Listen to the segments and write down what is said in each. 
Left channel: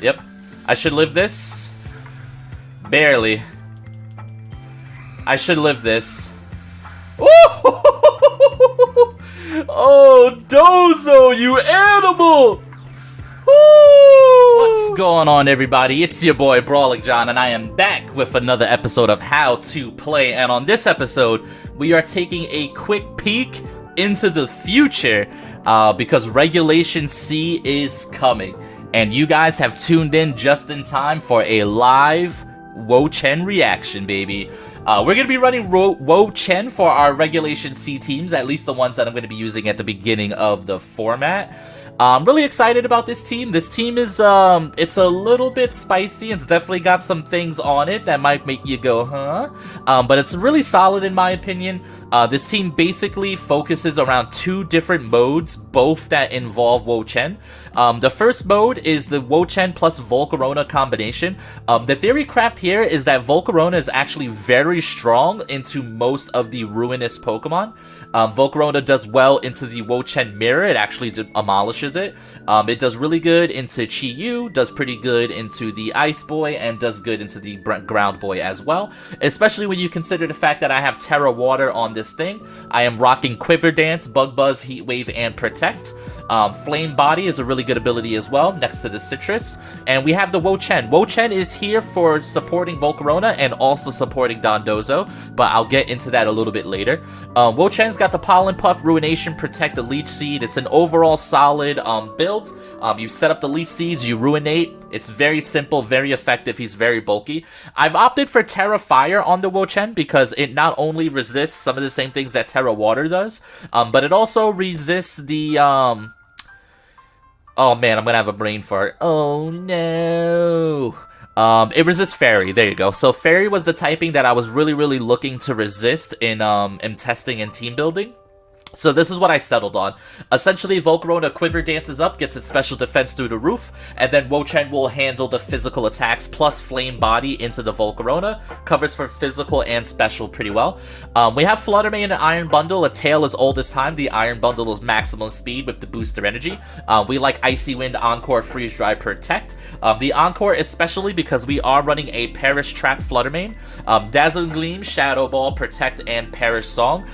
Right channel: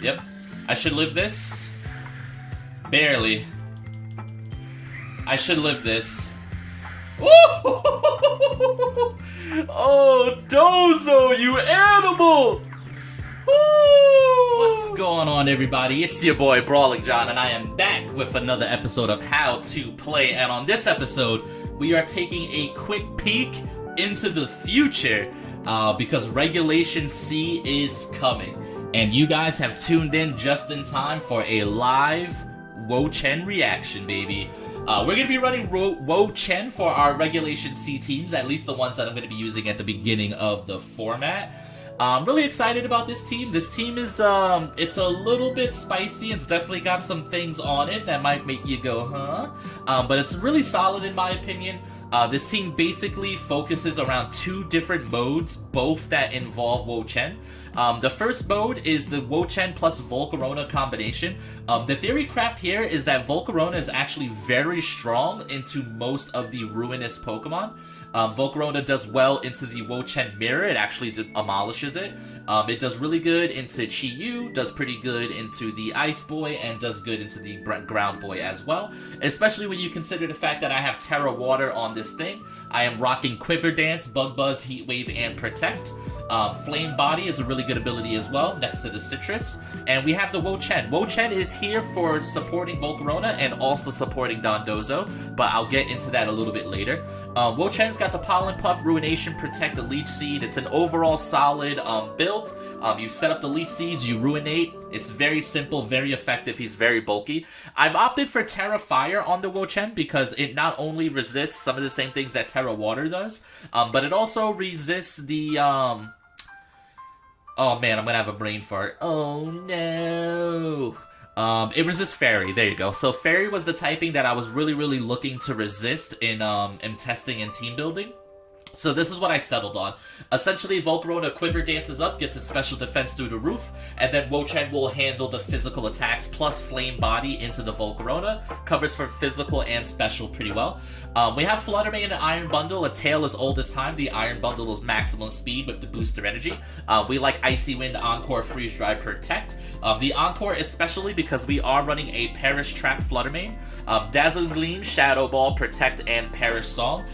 Yep. I should live this. Barely. I should live this. Oh, Dozo, you animal! What's going on, everybody? It's your boy Brawling John, and I am back with another episode of How to Play. And on this episode, we are taking a quick peek into the future because Regulation C is coming. And you guys have tuned in just in time for a live WO-CHIEN reaction, baby. We're going to be running WO-CHIEN for our Regulation C teams, at least the ones that I'm going to be using at the beginning of the format. I'm really excited about this team. This team is, it's a little bit spicy. It's definitely got some things on it that might make you go, huh? But it's really solid in my opinion. This team basically focuses around two different modes, both that involve WO-CHIEN. The first mode is the WO-CHIEN plus Volcarona combination. The theory craft here is that Volcarona is actually very strong into most of the ruinous Pokemon. Volcarona does well into the WO-CHIEN mirror. It actually demolishes it. It does really good into Chi-Yu, does pretty good into the Ice Boy, and does good into the Ground Boy as well. Especially when you consider the fact that I have Terra Water on this thing. I am rocking Quiver Dance, Bug Buzz, Heat Wave, and Protect. Flame Body is a really good ability as well, next to the Citrus. And we have the WO-CHIEN. WO-CHIEN is here for supporting Volcarona and also supporting Dondozo, but I'll get into that a little bit later. WO-CHIEN's got the Pollen Puff, Ruination, Protect, the Leech Seed. It's an overall solid build. You set up the Leech Seeds, you Ruinate. It's very simple, very effective. He's very bulky. I've opted for Terra Fire on the WO-CHIEN because it not only resists some of the same things that Terra Water does, but it also resists the... Oh man, I'm gonna have a brain fart. Oh no. It resists Fairy. There you go. So Fairy was the typing that I was really looking to resist in testing and team building. So this is what I settled on. Essentially, Volcarona Quiver dances up, gets its special defense through the roof, and then WO-CHIEN will handle the physical attacks plus Flame Body into the Volcarona. Covers for physical and special pretty well. We have Flutter Mane and Iron Bundle. A tail is old as time. The Iron Bundle is maximum speed with the booster energy. We like Icy Wind, Encore, Freeze Dry, Protect. The Encore especially because we are running a Perish Trap Flutter Mane. Dazzling Gleam, Shadow Ball, Protect, and Perish Song.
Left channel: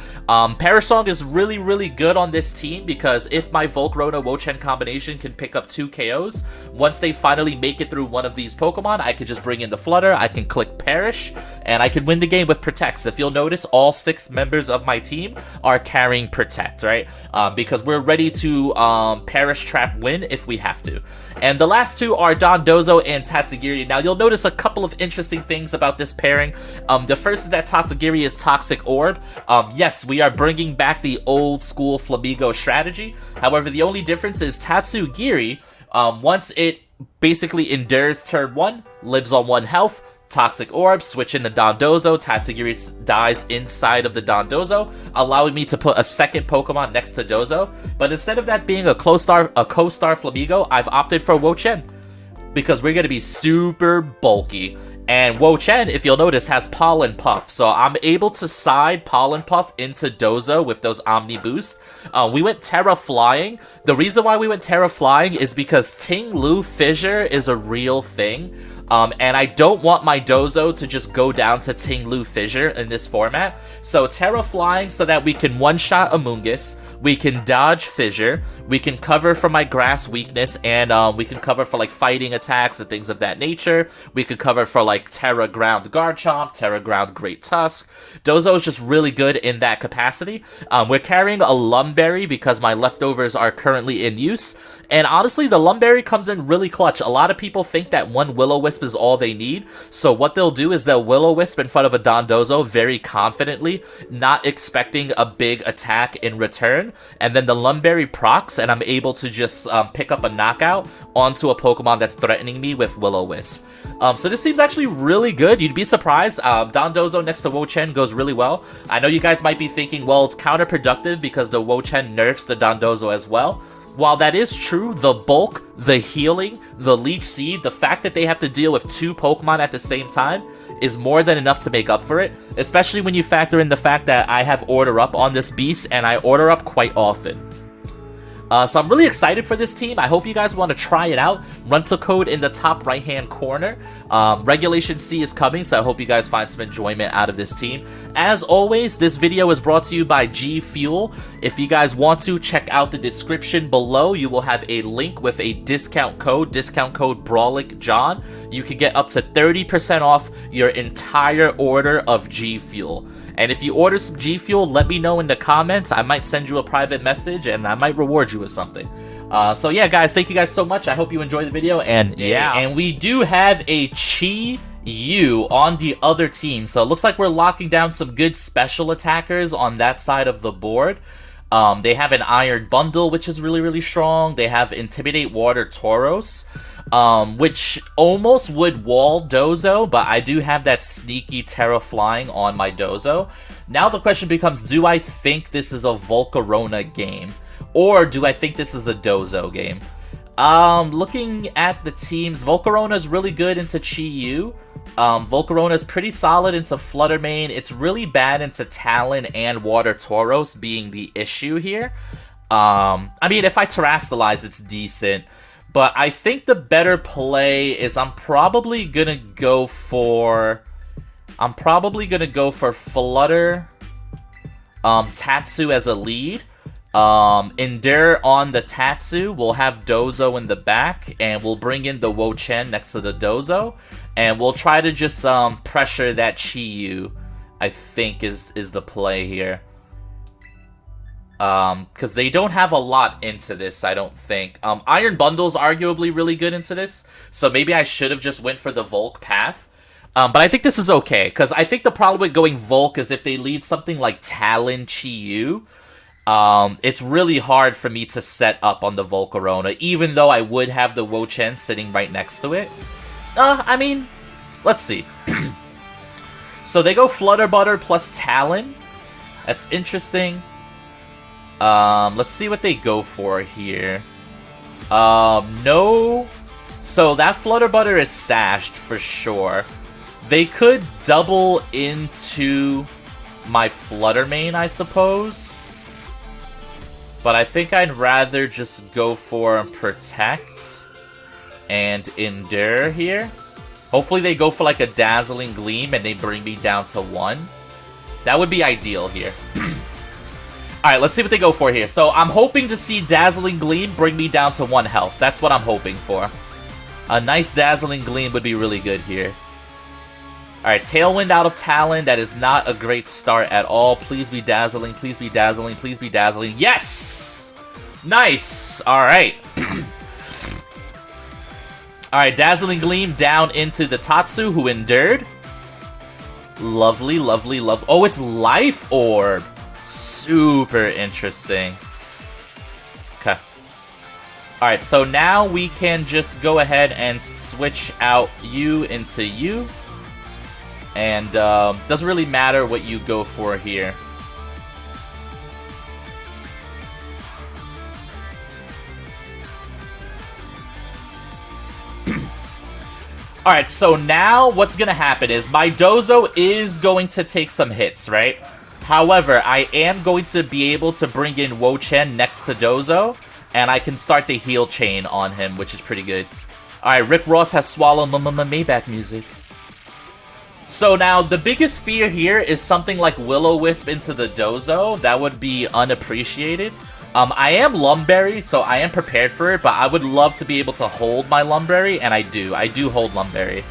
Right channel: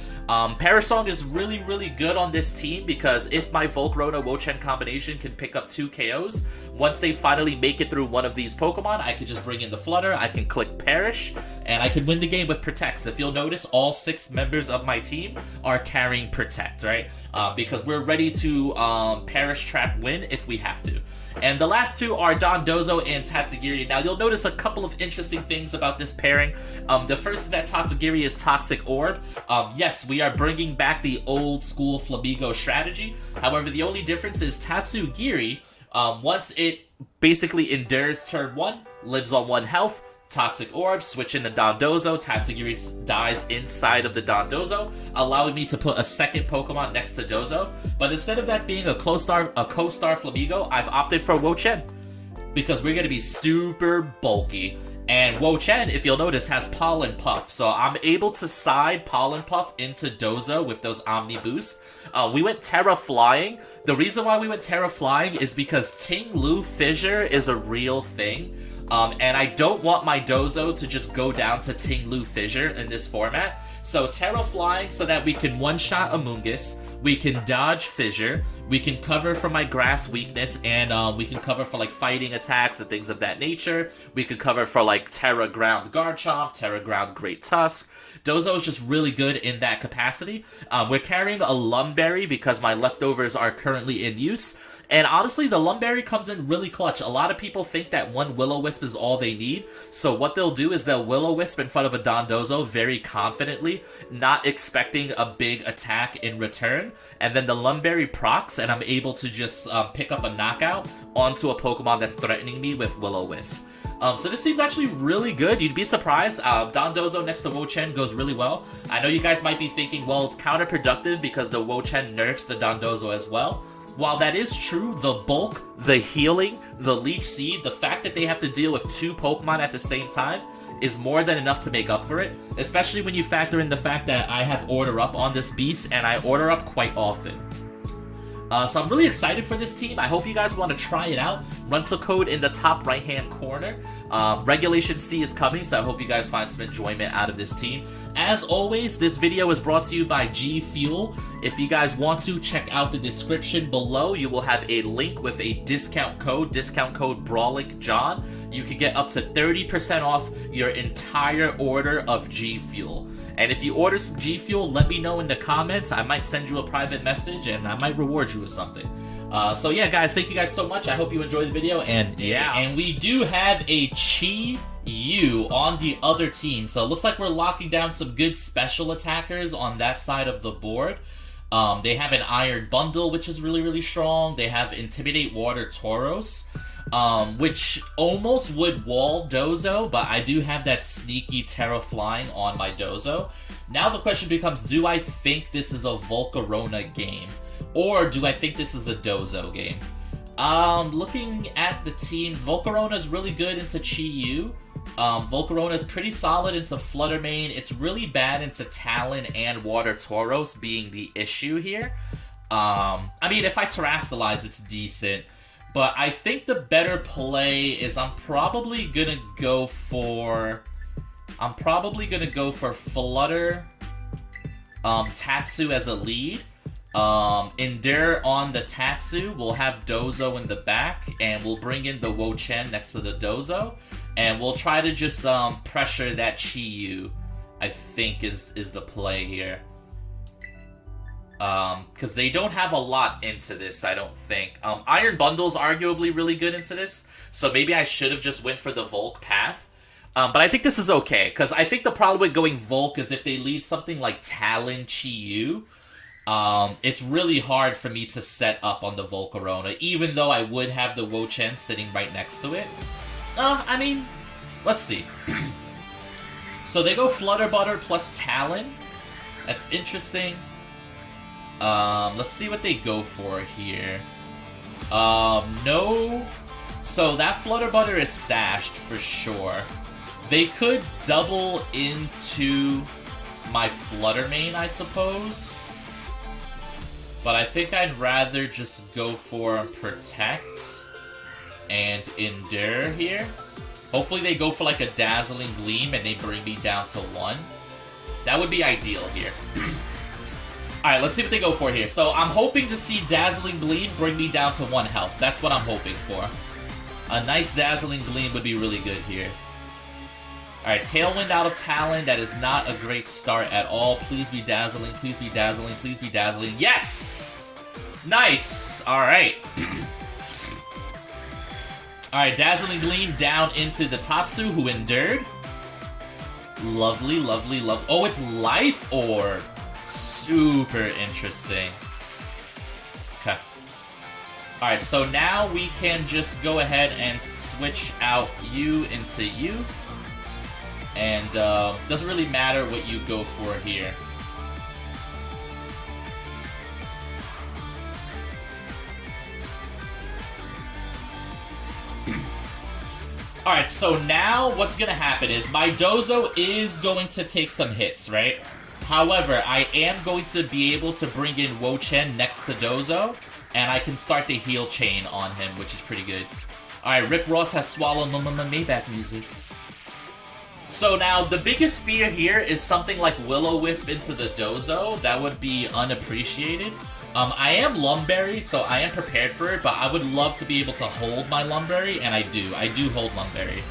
Perish Song is really good on this team because if my Volcarona WO-CHIEN combination can pick up 2 KOs, once they finally make it through one of these Pokemon, I can just bring in the Flutter, I can click Perish, and I can win the game with Protects. If you'll notice, all 6 members of my team are carrying Protect, right? Because we're ready to Perish Trap win if we have to. And the last 2 are Dondozo and Tatsugiri. Now, you'll notice a couple of interesting things about this pairing. The first is that Tatsugiri is Toxic Orb. Yes, we are bringing back the old school Flamigo strategy. However, the only difference is Tatsugiri, once it basically endures turn 1, lives on 1 health, Toxic Orb, switch into Dondozo, Tatsugiri dies inside of the Dondozo, allowing me to put a second Pokemon next to Dozo. But instead of that being a co-star Flamigo, I've opted for WO-CHIEN because we're going to be super bulky. And WO-CHIEN, if you'll notice, has Pollen Puff. So I'm able to side Pollen Puff into Dozo with those Omni Boosts. We went Terra Flying. The reason why we went Terra Flying is because Ting Lu Fissure is a real thing. And I don't want my Dozo to just go down to Ting Lu Fissure in this format. So Terra Flying so that we can one-shot Amoonguss, we can dodge Fissure, we can cover for my Grass weakness, and we can cover for like fighting attacks and things of that nature. We could cover for like Terra Ground Garchomp, Terra Ground Great Tusk. Dozo is just really good in that capacity. We're carrying a Lumberry because my leftovers are currently in use. And honestly, the Lumberry comes in really clutch. A lot of people think that one Will-O-Wisp is all they need. So what they'll do is they'll Will-O-Wisp in front of a Dondozo very confidently, not expecting a big attack in return. And then the Lumberry procs, and I'm able to just pick up a knockout onto a Pokemon that's threatening me with Will-O-Wisp. So this seems actually really good. You'd be surprised. Dondozo next to WO-CHIEN goes really well. I know you guys might be thinking, well, it's counterproductive because the WO-CHIEN nerfs the Dondozo as well. While that is true, the bulk, the healing, the Leech Seed, the fact that they have to deal with 2 Pokemon at the same time is more than enough to make up for it, especially when you factor in the fact that I have Order Up on this beast, and I Order Up quite often. So I'm really excited for this team. I hope you guys want to try it out. Rental code in the top right-hand corner. Regulation C is coming, so I hope you guys find some enjoyment out of this team. As always, this video is brought to you by G Fuel. If you guys want to, check out the description below. You will have a link with a discount code BrawlicJohn. You can get up to 30% off your entire order of G Fuel. And if you order some G Fuel, let me know in the comments. I might send you a private message and I might reward you with something. So yeah, guys, thank you guys so much. I hope you enjoyed the video. And yeah, and we do have a Chi-Yu on the other team. So it looks like we're locking down some good special attackers on that side of the board. They have an Iron Bundle, which is really, really strong. They have Intimidate Water Tauros, which almost would wall Dozo, but I do have that sneaky Terra Flying on my Dozo. Now the question becomes, do I think this is a Volcarona game? Or do I think this is a Dozo game? Looking at the teams, Volcarona is really good into Chi-Yu. Volcarona is pretty solid into Flutter Mane. It's really bad into Talon and Water Tauros being the issue here. I mean, if I Terrastalize, it's decent. But I think the better play is I'm probably gonna go for Flutter, Tatsu as a lead. Endure on the Tatsu. We'll have Dozo in the back, and we'll bring in the WO-CHIEN next to the Dozo, and we'll try to just pressure that Chi-Yu, I think is the play here. Because they don't have a lot into this, I don't think. Iron Bundle's arguably really good into this, so maybe I should have just went for the Volk path. But I think this is okay, because I think the problem with going Volk is if they lead something like Talon Chi-Yu, it's really hard for me to set up on the Volcarona, even though I would have the WO-CHIEN sitting right next to it. I mean, let's see. So they go Flutter Butter plus Talon. That's interesting. Let's see what they go for here. No. So that Flutter Butter is sashed for sure. They could double into my Flutter Mane, I suppose. But I think I'd rather just go for Protect and Endure here. Hopefully they go for like a Dazzling Gleam and they bring me down to 1. That would be ideal here. Alright, let's see what they go for here. So I'm hoping to see Dazzling Gleam bring me down to 1 health. That's what I'm hoping for. A nice Dazzling Gleam would be really good here. Alright, Tailwind out of Talon. That is not a great start at all. Please be Dazzling. Please be Dazzling. Please be Dazzling. Yes! Nice! Alright. Alright, Dazzling Gleam down into the Tatsu, who endured. Lovely, lovely, lovely. Oh, it's Life Orb. Super interesting. Okay. Alright, so now we can just go ahead and switch out you into you. And doesn't really matter what you go for here. Alright, so now what's going to happen is my Dozo is going to take some hits, right? However, I am going to be able to bring in WO-CHIEN next to Dozo, and I can start the heal chain on him, which is pretty good. Alright, Rick Ross has swallowed Maybach music. So now, the biggest fear here is something like Will-O-Wisp into the Dozo. That would be unappreciated. I am Lumberry, so I am prepared for it, but I would love to be able to hold my Lumberry, and I do. I do hold Lumberry.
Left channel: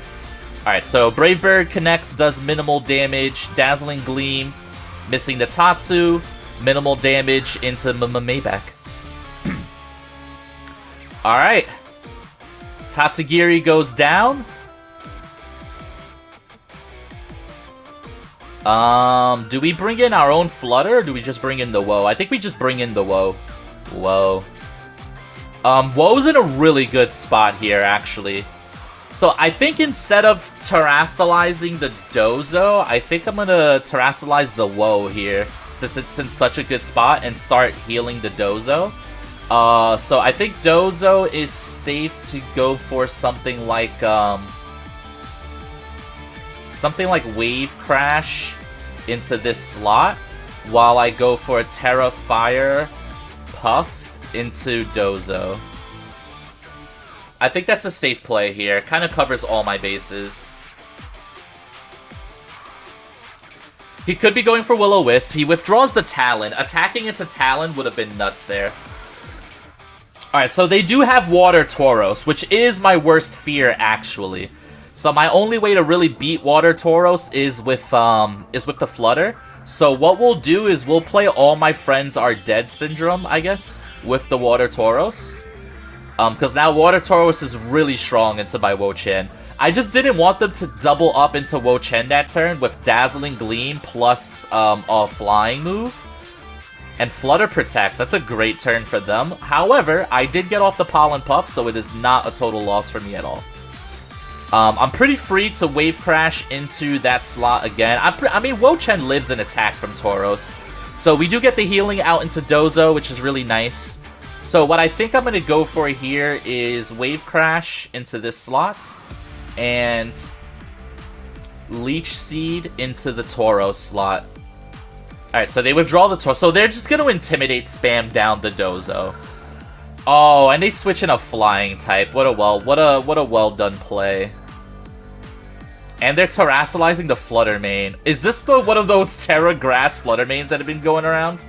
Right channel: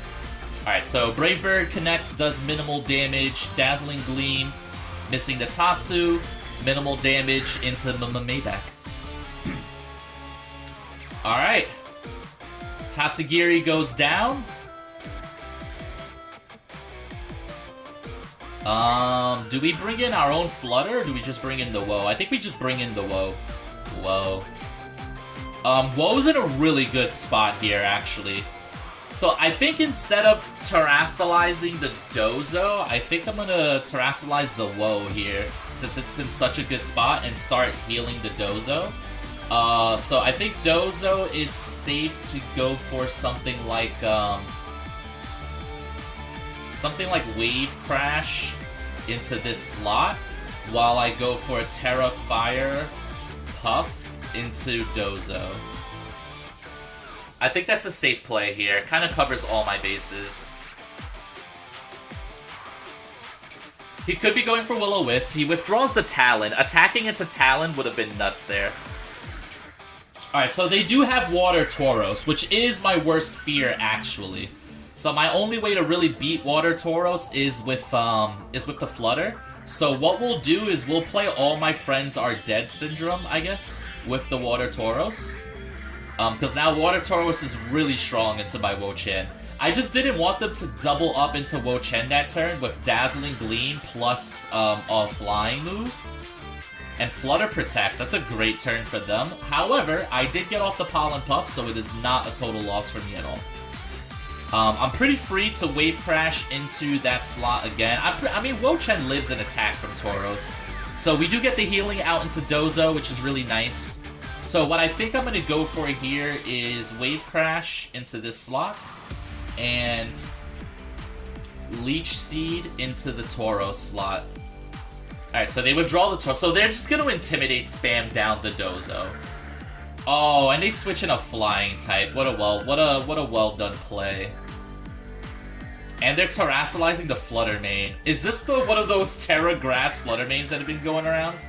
Alright, so Brave Bird connects, does minimal damage, Dazzling Gleam, missing the Tatsu, minimal damage into Maybach. Alright. Tatsugiri goes down. Do we bring in our own Flutter, or do we just bring in the Woe? I think we just bring in the Woe. Whoa. Woe's in a really good spot here, actually. So I think instead of Terrastalizing the Dozo, I think I'm gonna Terrastalize the Woe here, since it's in such a good spot, and start healing the Dozo. So I think Dozo is safe to go for something like Wave Crash into this slot, while I go for a Terra Fire Puff into Dozo. I think that's a safe play here. Kind of covers all my bases. He could be going for Will-O-Wisp. He withdraws the Talon. Attacking into Talon would have been nuts there. Alright, so they do have Water Tauros, which is my worst fear, actually. So my only way to really beat Water Tauros is with the Flutter. So what we'll do is we'll play All My Friends Are Dead Syndrome, I guess, with the Water Tauros. Because now Water Tauros is really strong into my WO-CHIEN. I just didn't want them to double up into WO-CHIEN that turn with Dazzling Gleam plus a flying move. And Flutter protects. That's a great turn for them. However, I did get off the Pollen Puff, so it is not a total loss for me at all. I'm pretty free to Wave Crash into that slot again. I mean, WO-CHIEN lives in attack from Tauros. So we do get the healing out into Dozo, which is really nice. So what I think I'm going to go for here is Wave Crash into this slot. And Leech Seed into the Tauros slot. Alright, so they withdraw the Tauros. So they're just going to Intimidate spam down the Dozo. Oh, and they switch in a flying type. What a well done play. And they're terrassalizing the Flutter main. Is this one of those Terra Grass Flutter mains that have been going around?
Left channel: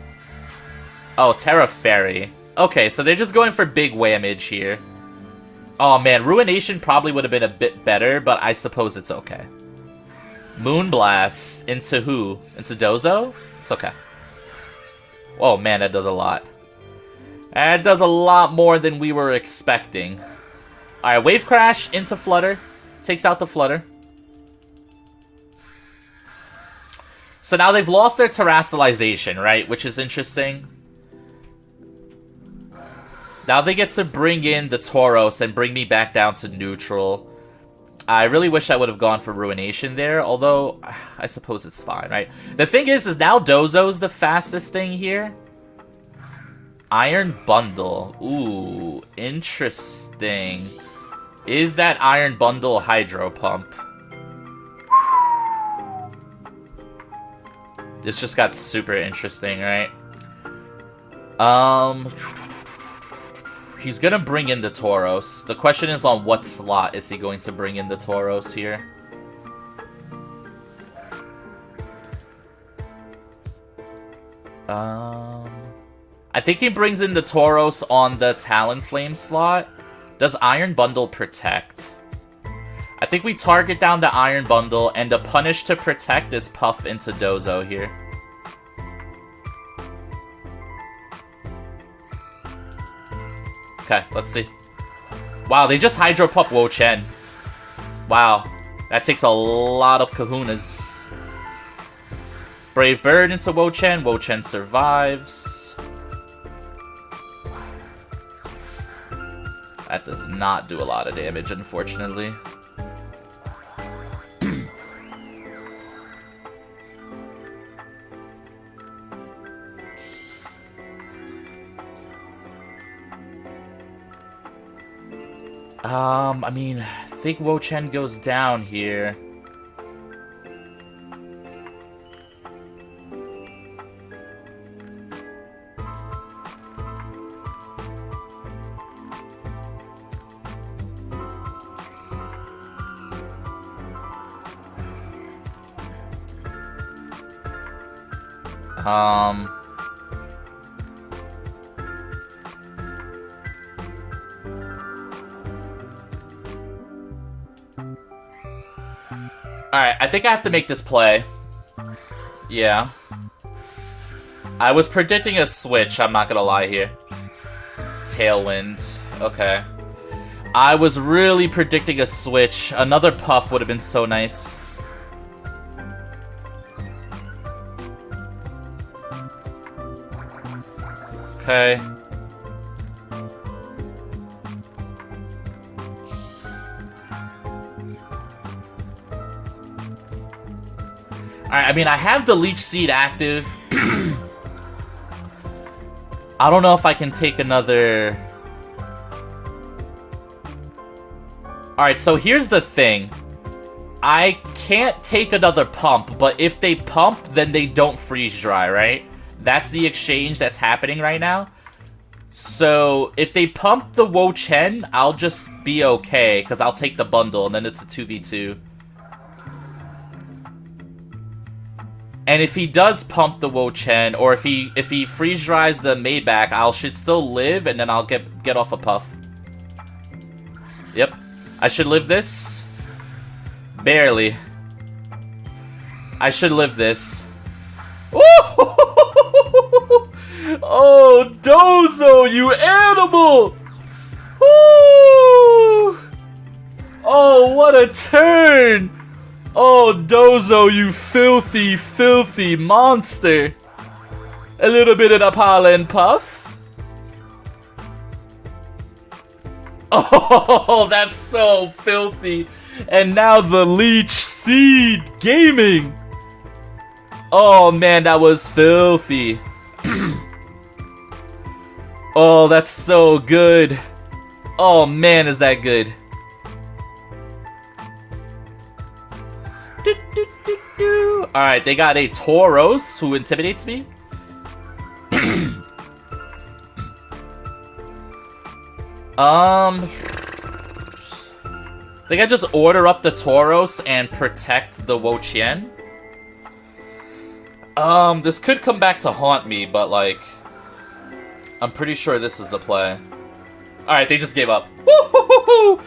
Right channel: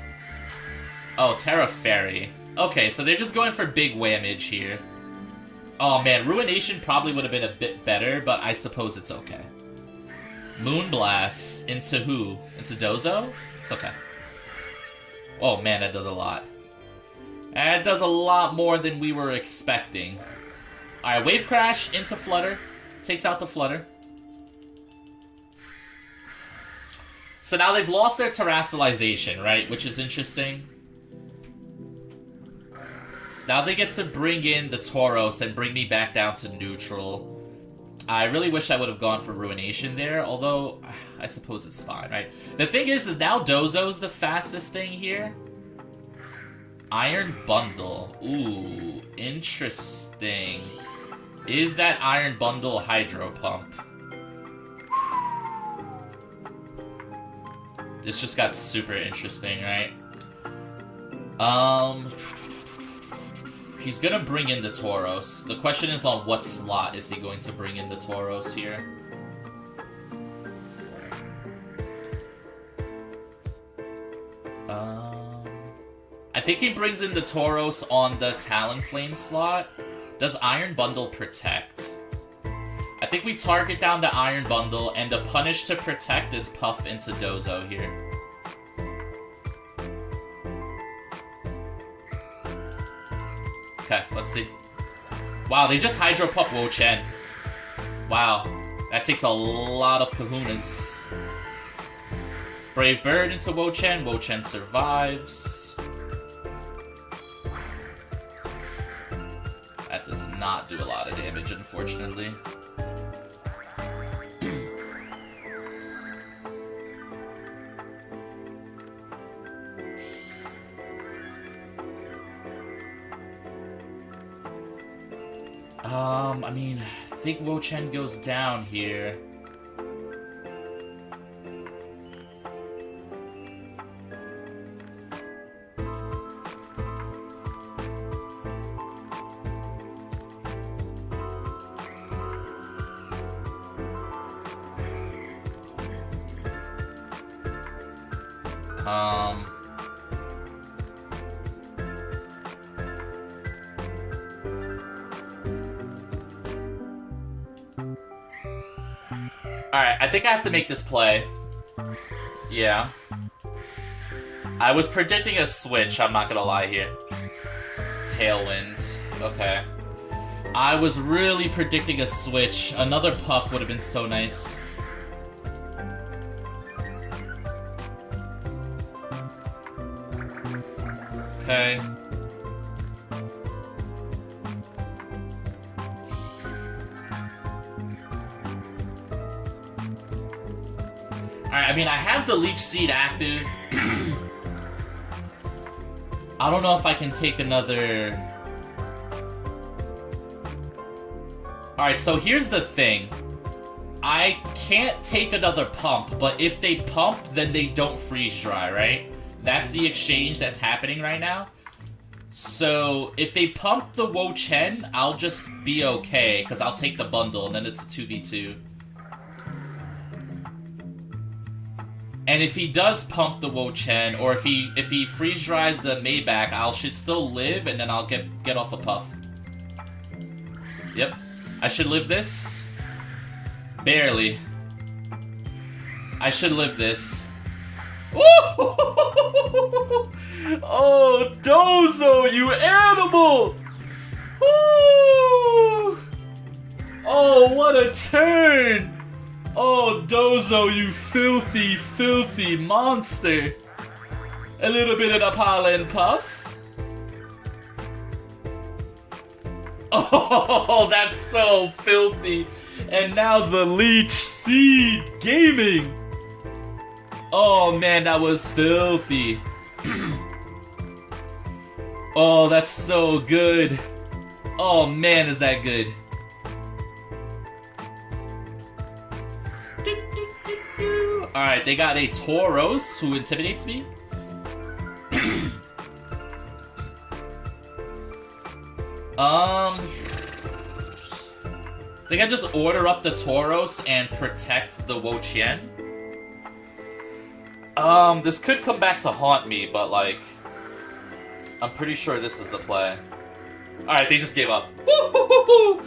Oh, Terra Fairy. Okay, so they're just going for big whamage here. Oh man, Ruination probably would have been a bit better, but I suppose it's okay. Moonblast into who? Into Dozo? It's okay. Oh man, that does a lot. That does a lot more than we were expecting. Alright, Wave Crash into Flutter. Takes out the Flutter. So now they've lost their Terrassalization, right? Which is interesting. Now they get to bring in the Tauros and bring me back down to neutral. I really wish I would have gone for Ruination there, although I suppose it's fine, right? The thing is now Dozo's the fastest thing here. Iron Bundle. Ooh, interesting. Is that Iron Bundle Hydro Pump? This just got super interesting, right? He's gonna bring in the Tauros. The question is on what slot is he going to bring in the Tauros here? I think he brings in the Tauros on the Talonflame slot. Does Iron Bundle protect? I think we target down the Iron Bundle, and the punish to protect is Puff into Dozo here. Okay, let's see. Wow, they just Hydro Pump WO-CHIEN. Wow, that takes a lot of kahunas. Brave Bird into WO-CHIEN. WO-CHIEN survives. That does not do a lot of damage, unfortunately. I mean, I think WO-CHIEN goes down here. Alright, I think I have to make this play. Yeah. I was predicting a switch, I'm not gonna lie here. Tailwind. Okay. I was really predicting a switch. Another Puff would have been so nice. Okay. Alright, I mean, I have the Leech Seed active. I don't know if I can take another... Alright, so here's the thing. I can't take another pump, but if they pump, then they don't freeze dry, right? That's the exchange that's happening right now. So, if they pump the WO-CHIEN, I'll just be okay, because I'll take the bundle, and then it's a 2v2. And if he does pump the WO-CHIEN, or if he freeze dries the Maybach, I should still live, and then I'll get off a puff. Yep. I should live this. Barely. I should live this. Oh, Dozo, you animal! Woo! Oh, what a turn! Oh, Dozo, you filthy, filthy monster! A little bit of the pollen puff. Oh, that's so filthy. And now the Leech Seed Gaming. Oh man, that was filthy. Oh, that's so good. Oh man, is that good. Alright, they got a Tauros who intimidates me. I think I just order up the Tauros and protect the WO-CHIEN. This could come back to haunt me, but like, I'm pretty sure this is the play. Alright, they just gave up. Woo-hoo-hoo-hoo!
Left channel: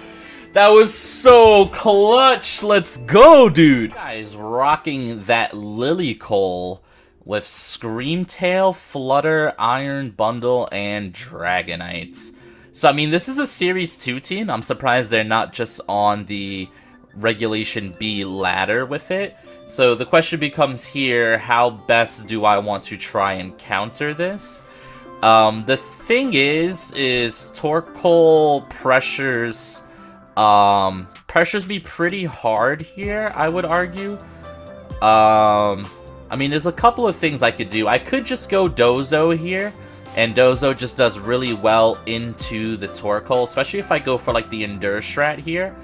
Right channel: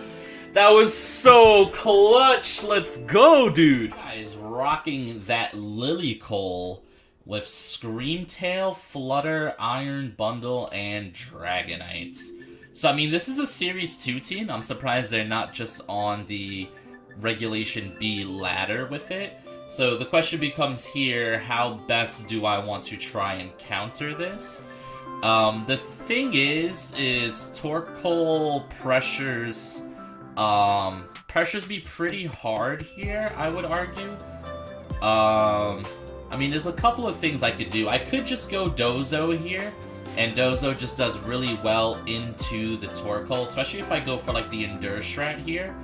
That was so clutch. Let's go, dude. Guys, rocking that Lilycole with Screamtail, Flutter, Iron Bundle, and Dragonite. So, I mean, this is a Series 2 team. I'm surprised they're not just on the Regulation B ladder with it. So the question becomes here, how best do I want to try and counter this? The thing is Torkoal pressures me pretty hard here, I would argue. I mean, there's a couple of things I could do. I could just go Dozo here, and Dozo just does really well into the Torkoal, especially if I go for like the Endure strat here.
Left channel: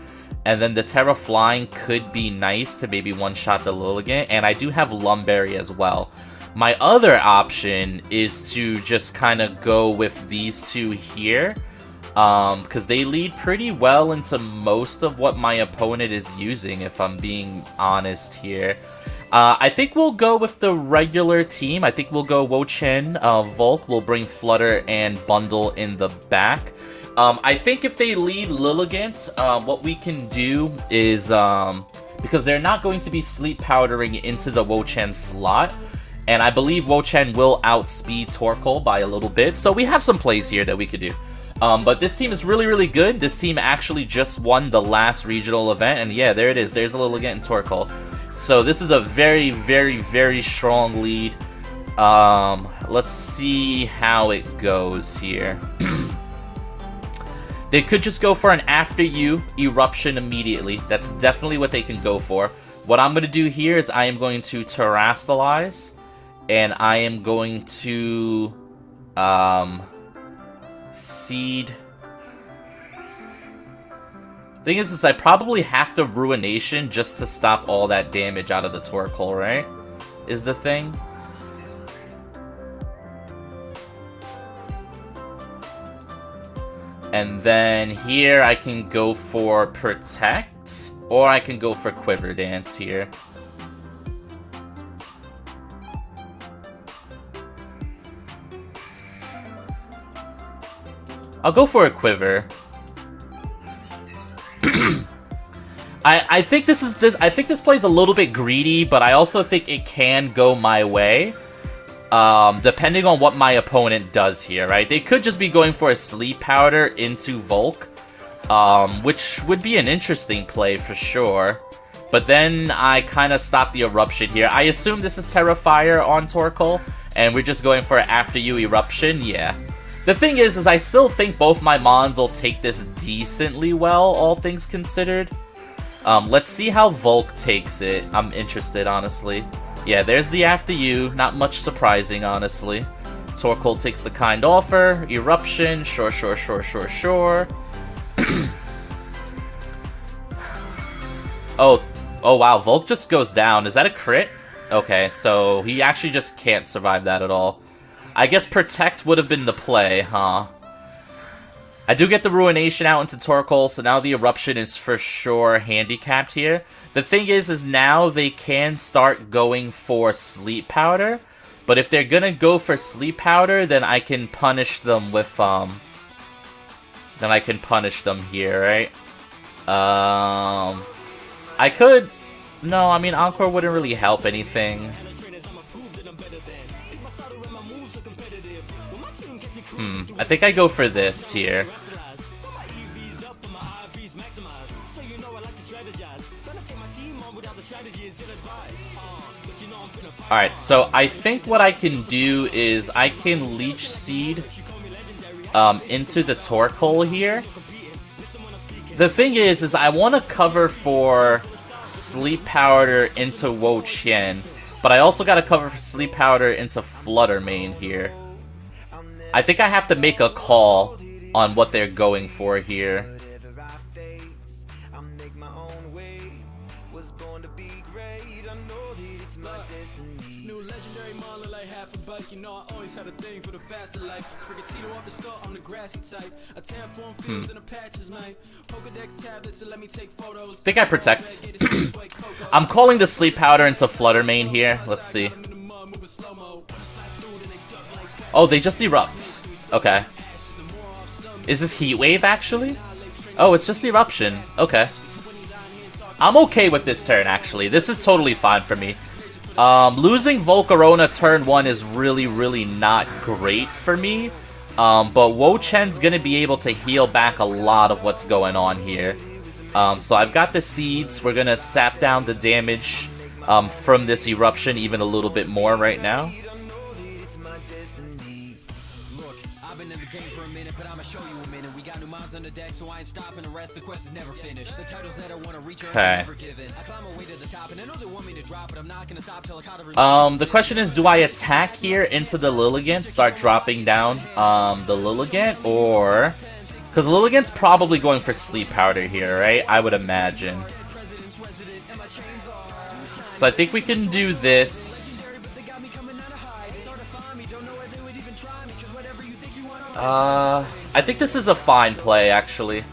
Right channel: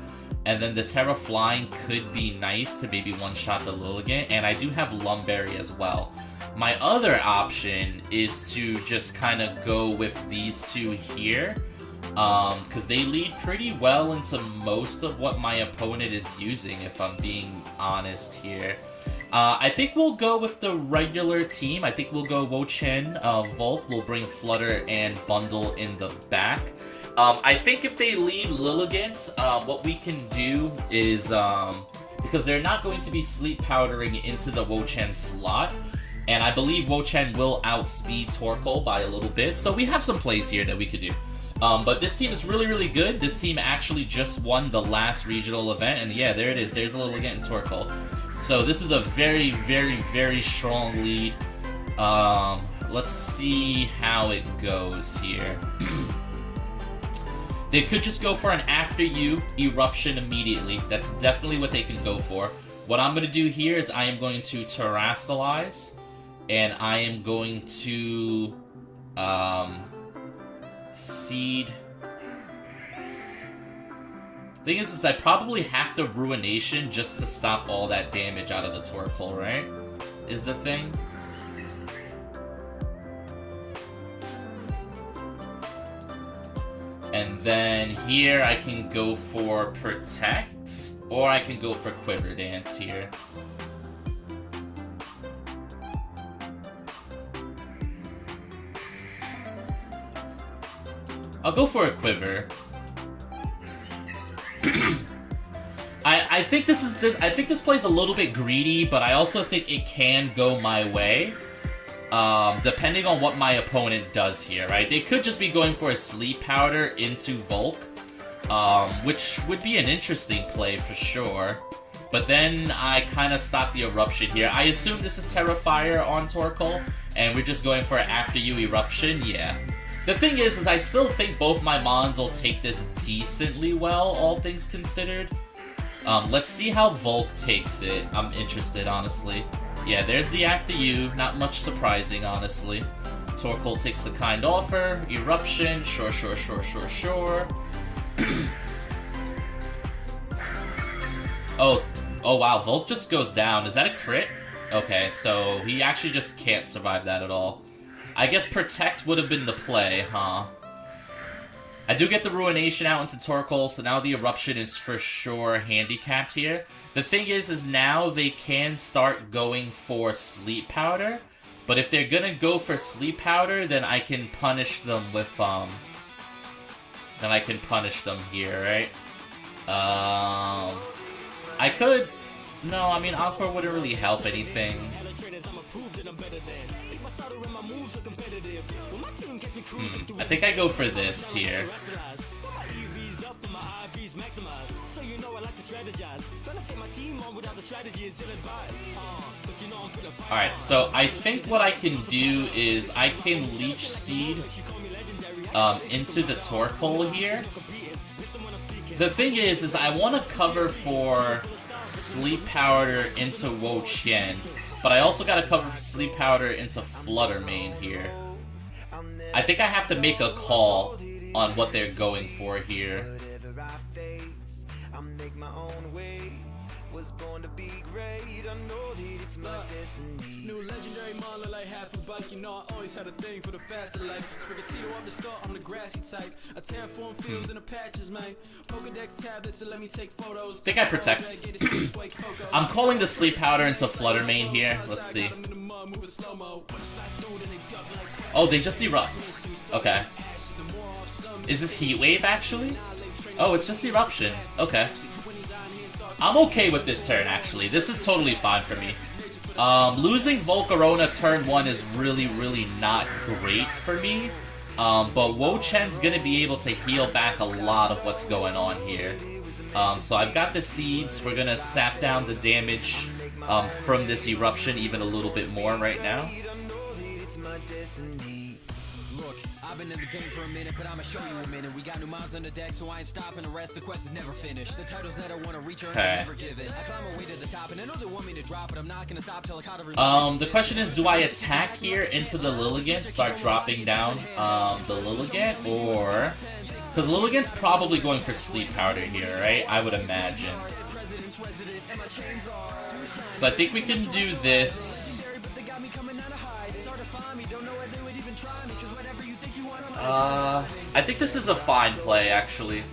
And then the Terra Flying could be nice to maybe one-shot the Lilligant, and I do have Lumberry as well. My other option is to just kind of go with these two here, because they lead pretty well into most of what my opponent is using, if I'm being honest here. I think we'll go with the regular team. I think we'll go WO-CHIEN, Volk will bring Flutter and Bundle in the back. I think if they lead Lilligant, what we can do is, because they're not going to be sleep powdering into the WO-CHIEN slot, and I believe WO-CHIEN will outspeed Torkoal by a little bit, so we have some plays here that we could do. But this team is really, really good. This team actually just won the last regional event, and yeah, there it is. There's a Lilligant and Torkoal. So this is a very, very, very strong lead. Let's see how it goes here. They could just go for an after you eruption immediately. That's definitely what they can go for. What I'm going to do here is I am going to terrastalize, and I am going to seed. Thing is I probably have to Ruination just to stop all that damage out of the Torkoal, right? Is the thing. And then here I can go for Protect, or I can go for Quiver Dance here. I'll go for a Quiver. I think this play's a little bit greedy, but I also think it can go my way. Depending on what my opponent does here, right? They could just be going for a Sleep Powder into Volk, which would be an interesting play for sure. But then I kind of stop the Eruption here. I assume this is Terra Fire on Torkoal, and we're just going for an After You Eruption, yeah. The thing is I still think both my Mons will take this decently well, all things considered. Let's see how Volk takes it. I'm interested, honestly. Yeah, there's the After You. Not much surprising, honestly. Torkoal takes the Kind Offer. Eruption. Sure, sure, sure, sure, sure. Oh wow. Volk just goes down. Is that a crit? Okay, so he actually just can't survive that at all. I guess Protect would have been the play, huh? I do get the Ruination out into Torkoal, so now the Eruption is for sure handicapped here. The thing is now they can start going for Sleep Powder, but if they're gonna go for Sleep Powder, then I can punish them with, then I can punish them here, right? I could... No, I mean, Encore wouldn't really help anything. I think I go for this here. Alright, so I think what I can do is I can Leech Seed into the Torkoal here. The thing is I want to cover for Sleep Powder into WO-CHIEN, but I also got to cover for Sleep Powder into Flutter Mane here. I think I have to make a call on what they're going for here. New legendary model like half a buck, you know I always had a thing for the faster life. Sprigatito off the start, I'm the grassy type. A terraform fields in the patches, man. Pokédex tablets to let me take photos. Think I protect. I'm calling the Sleep Powder into Flutter Mane here. Let's see. Oh, they just erupt. Okay. Is this Heat Wave actually? Oh, it's just Eruption. Okay. I'm okay with this turn, actually. This is totally fine for me. Losing Volcarona turn 1 is really not great for me. But WO-CHIEN's gonna be able to heal back a lot of what's going on here. So I've got the Seeds. We're gonna sap down the damage from this Eruption even a little bit more right now. I've been in the game for a minute, but I'ma show you a minute. We got new mods on the deck, so I ain't stopping. The rest, the quest is never finished. The titles that I want to reach are never given. I climb my way to the top, and I know they want me to drop, but I'm not gonna stop till I caught every the question is, do I attack here into the Lilligant, start dropping down the Lilligant, or... Because Lilligant's probably going for Sleep Powder here, right? I would imagine. So I think we can do this. I think this is a fine play, actually.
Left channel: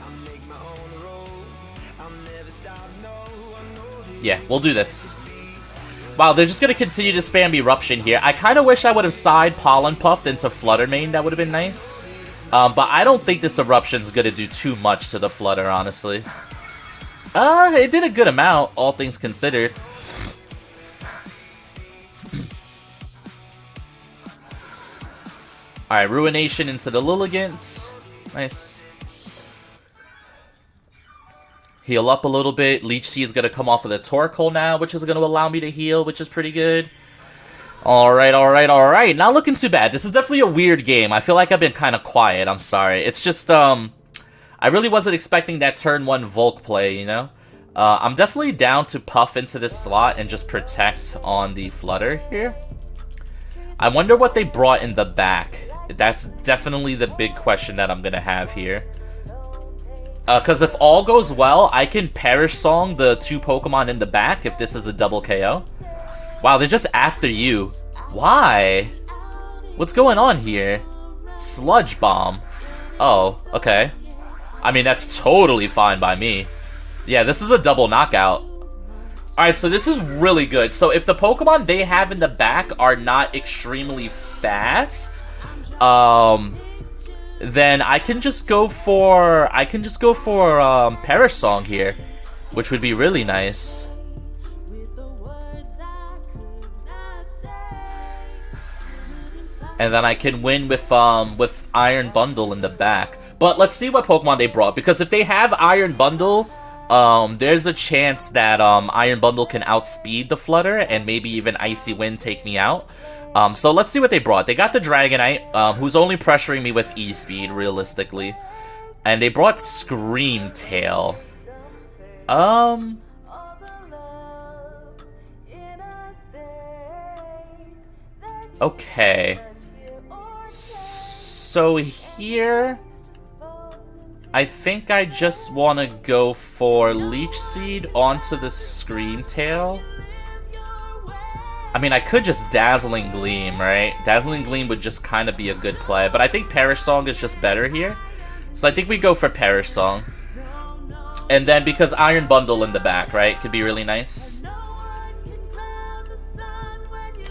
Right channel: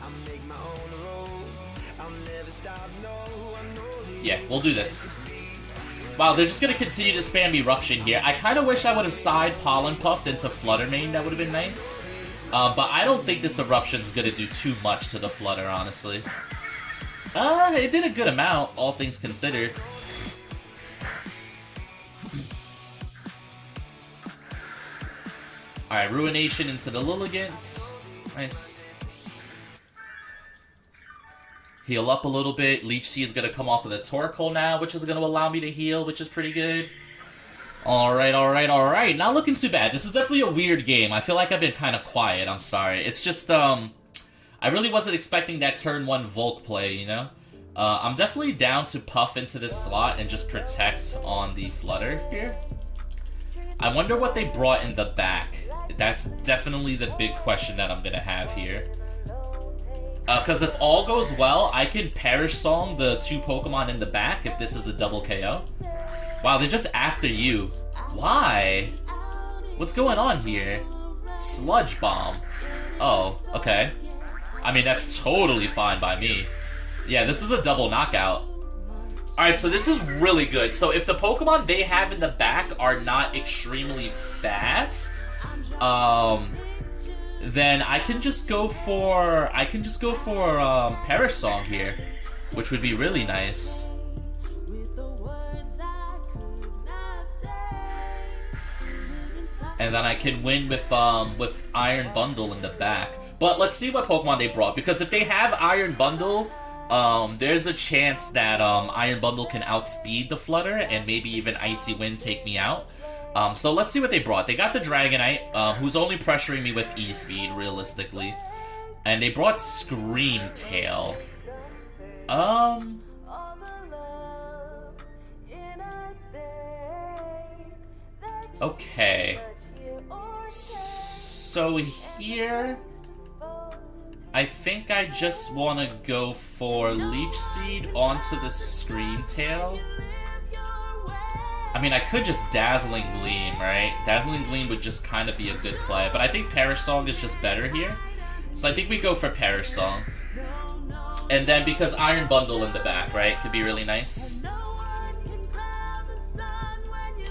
Yeah, we'll do this. Wow, they're just gonna continue to spam Eruption here. I kind of wish I would have side Pollen Puffed into Flutter Mane. That would have been nice. But I don't think this Eruption's gonna do too much to the Flutter, honestly. It did a good amount, all things considered. Alright, Ruination into the Lilligants. Nice. Heal up a little bit. Leech Seed is going to come off of the Torkoal now, which is going to allow me to heal, which is pretty good. Alright. Not looking too bad. This is definitely a weird game. I feel like I've been kind of quiet. I'm sorry. It's just, I really wasn't expecting that turn 1 Volk play, you know? I'm definitely down to puff into this slot and just protect on the Flutter here. I wonder what they brought in the back. That's definitely the big question that I'm going to have here. Because if all goes well, I can Perish Song the 2 Pokemon in the back if this is a double KO. Wow, they're just after you. Why? What's going on here? Sludge Bomb. Oh, okay. I mean, that's totally fine by me. Yeah, this is a double knockout. Alright, so this is really good. So if the Pokemon they have in the back are not extremely fast, then I can just go for Perish Song here, which would be really nice. And then I can win with Iron Bundle in the back. But let's see what Pokemon they brought, because if they have Iron Bundle, there's a chance that Iron Bundle can outspeed the Flutter and maybe even Icy Wind take me out. So let's see what they brought. They got the Dragonite, who's only pressuring me with E-Speed, realistically. And they brought Scream Tail. Okay. So here... I think I just want to go for Leech Seed onto the Scream Tail. I mean, I could just Dazzling Gleam, right? Dazzling Gleam would just kind of be a good play, but I think Perish Song is just better here. So I think we go for Perish Song. And then because Iron Bundle in the back, right? Could be really nice.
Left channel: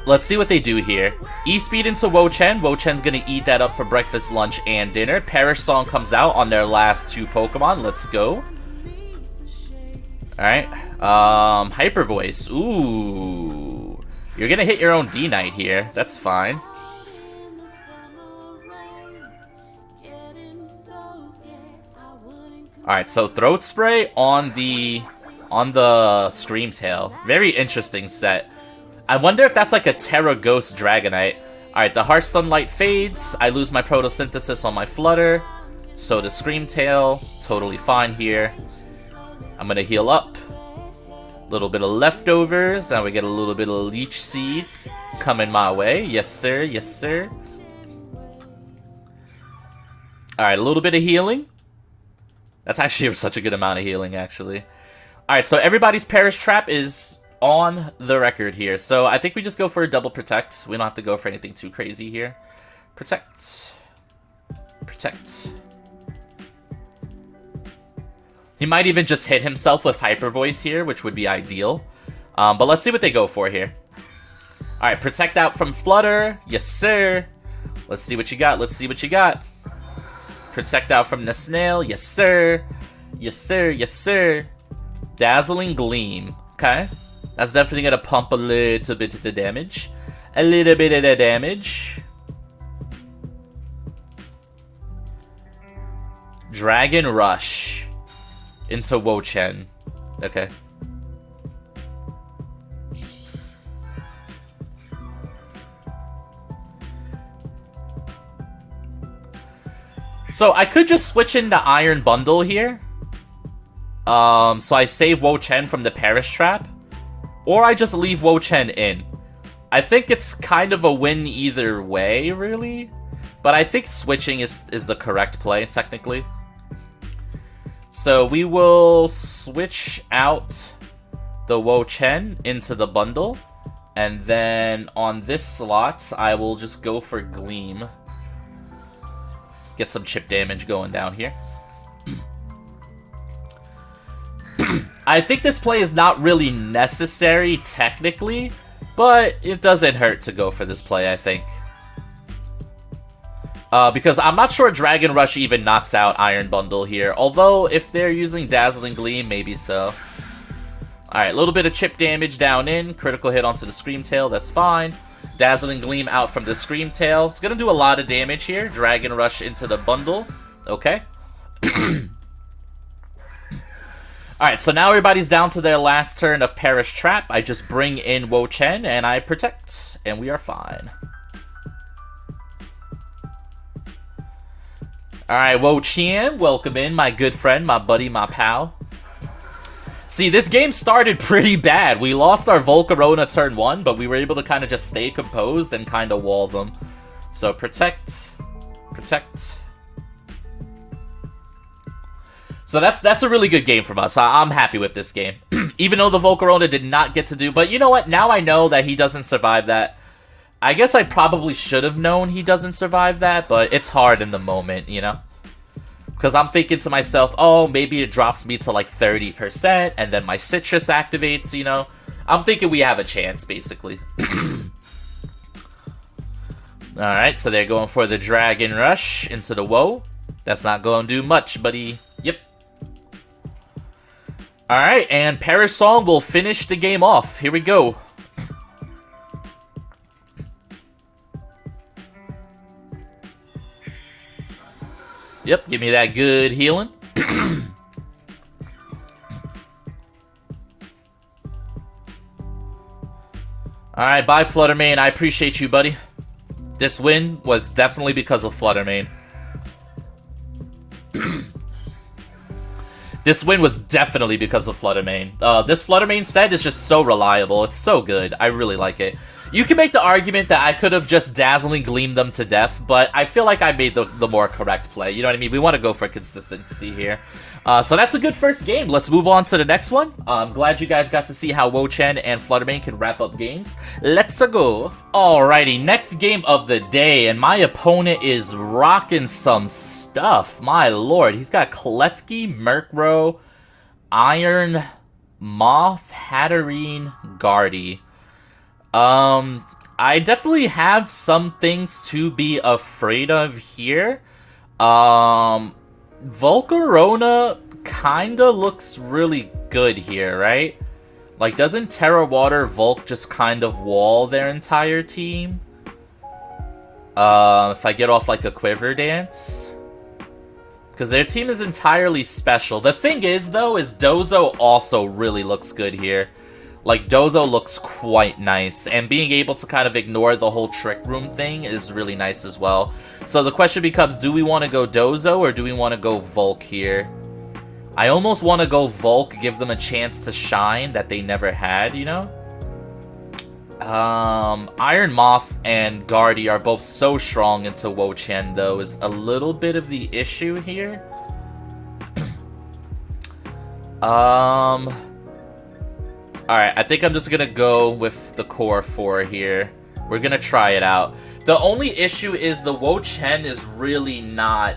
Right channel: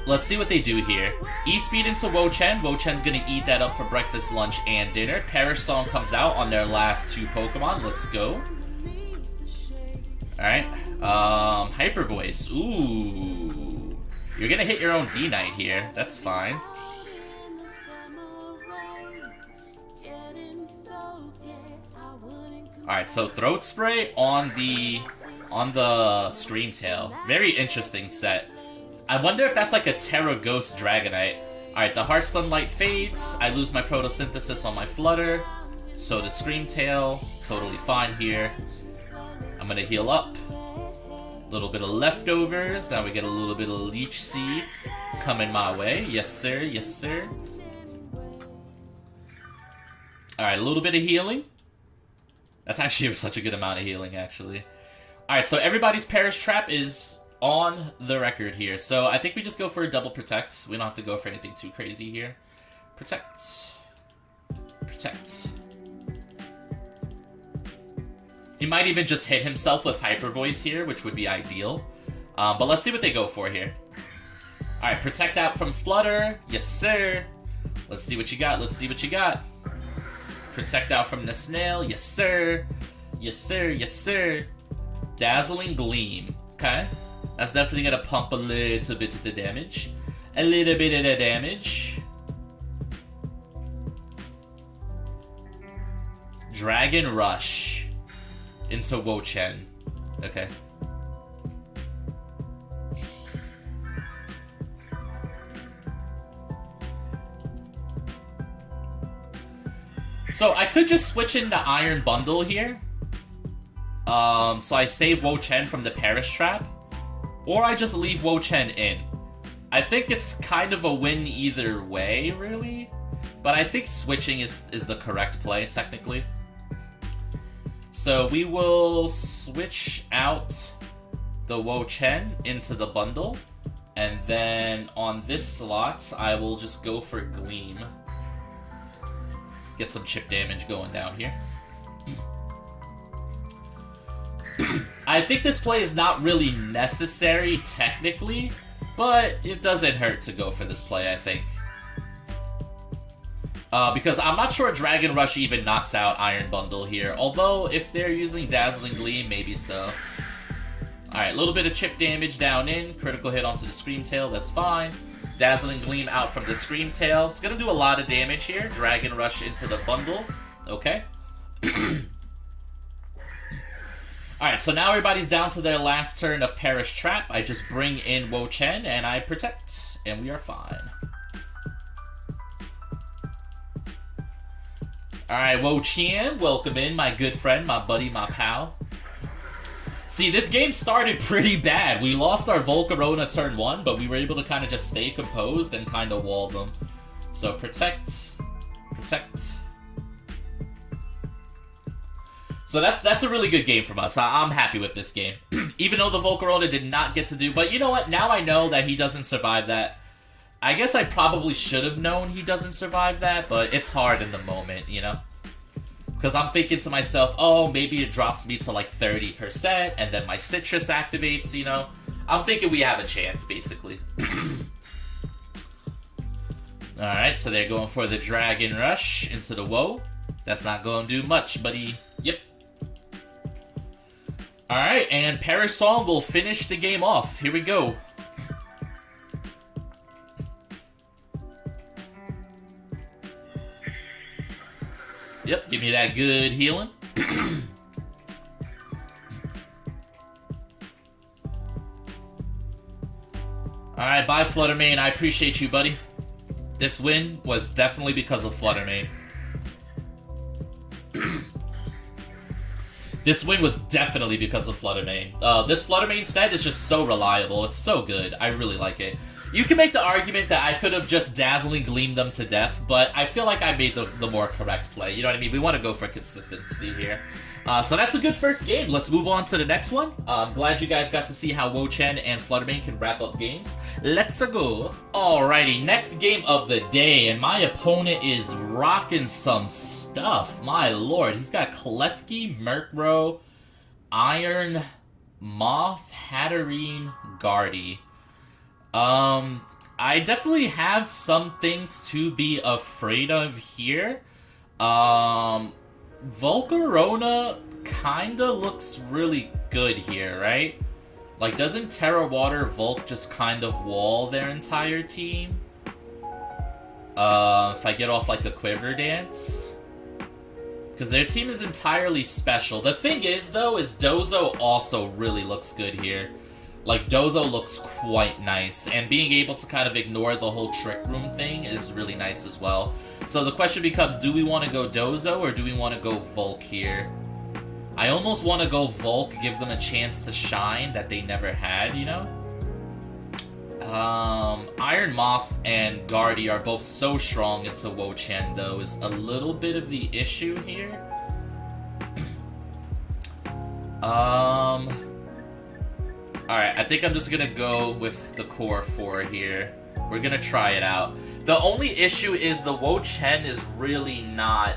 Let's see what they do here. E-Speed into WO-CHIEN. WO-CHIEN's gonna eat that up for breakfast, lunch, and dinner. Perish Song comes out on their last 2 Pokemon. Let's go. Alright. Hyper Voice. Ooh. You're gonna hit your own D-Knight here. That's fine. Alright, so Throat Spray on the Scream Tail. Very interesting set. I wonder if that's like a Terra Ghost Dragonite. Alright, the Harsh Sunlight fades. I lose my Photosynthesis on my Flutter. So the Scream Tail, totally fine here. I'm gonna heal up. A little bit of leftovers. Now we get a little bit of Leech Seed coming my way. Yes, sir. Yes, sir. Alright, a little bit of healing. That's actually such a good amount of healing, actually. Alright, so everybody's Perish Trap is on the record here. So I think we just go for a double Protect. We don't have to go for anything too crazy here. Protect. Protect. He might even just hit himself with Hyper Voice here, which would be ideal. But let's see what they go for here. Alright, Protect out from Flutter. Yes, sir. Let's see what you got. Let's see what you got. Protect out from the Snail. Yes, sir. Yes, sir. Yes, sir. Dazzling Gleam. Okay. That's definitely going to pump a little bit of the damage. A little bit of the damage. Dragon Rush. Into WO-CHIEN. Okay. So I could just switch into Iron Bundle here. So I save WO-CHIEN from the Perish Trap. Or I just leave WO-CHIEN in. I think it's kind of a win either way, really. But I think switching is the correct play, technically. So we will switch out the WO-CHIEN into the bundle. And then on this slot, I will just go for Gleam. Get some chip damage going down here. I think this play is not really necessary, technically. But it doesn't hurt to go for this play, I think. Because I'm not sure Dragon Rush even knocks out Iron Bundle here. Although, if they're using Dazzling Gleam, maybe so. Alright, a little bit of chip damage down in. Critical hit onto the Scream Tail, that's fine. Dazzling Gleam out from the Scream Tail. It's going to do a lot of damage here. Dragon Rush into the bundle. Okay. Alright, so now everybody's down to their last turn of Perish Trap. I just bring in WO-CHIEN and I protect. And we are fine. Alright, WO-CHIEN, welcome in, my good friend, my buddy, my pal. See, this game started pretty bad. We lost our Volcarona turn 1, but we were able to kind of just stay composed and kind of wall them. So, protect. Protect. So that's a really good game from us. I'm happy with this game. Even though the Volcarona did not get to do... But you know what? Now I know that he doesn't survive that. I guess I probably should have known he doesn't survive that, but it's hard in the moment, you know? Because I'm thinking to myself, oh, maybe it drops me to like 30%, and then my Citrus activates, you know? I'm thinking we have a chance, basically. Alright, so they're going for the Dragon Rush into the Woe. That's not going to do much, buddy. Yep. Alright, and Perish Song will finish the game off. Here we go. Yep, give me that good healing. Alright, bye Fluttermane. I appreciate you, buddy. This win was definitely because of Fluttermane. This win was definitely because of Fluttermane. This Fluttermane set is just so reliable. It's so good. I really like it. You can make the argument that I could have just Dazzling Gleamed them to death, but I feel like I made the more correct play. You know what I mean? We want to go for consistency here. So that's a good first game. Let's move on to the next one. I'm glad you guys got to see how WO-CHIEN and Fluttermane can wrap up games. Let's go. Alrighty, next game of the day, and my opponent is rocking some stuff. My lord, he's got Klefki, Murkrow, Iron, Moth, Hatterene, Guardy. I definitely have some things to be afraid of here. Volcarona kinda looks really good here, right? Like, doesn't Terra Water Volk just kind of wall their entire team? If I get off, like, a Quiver Dance? Because their team is entirely special. The thing is, though, is Dozo also really looks good here. Like, Dozo looks quite nice, and being able to kind of ignore the whole Trick Room thing is really nice as well. So the question becomes, do we want to go Dozo, or do we want to go Volk here? I almost want to go Volk, give them a chance to shine that they never had, you know? Iron Moth and Guardy are both so strong into WO-CHIEN, though, is a little bit of the issue here. Alright, I think I'm just gonna go with the core 4 here. We're gonna try it out. The only issue is the WO-CHIEN is really not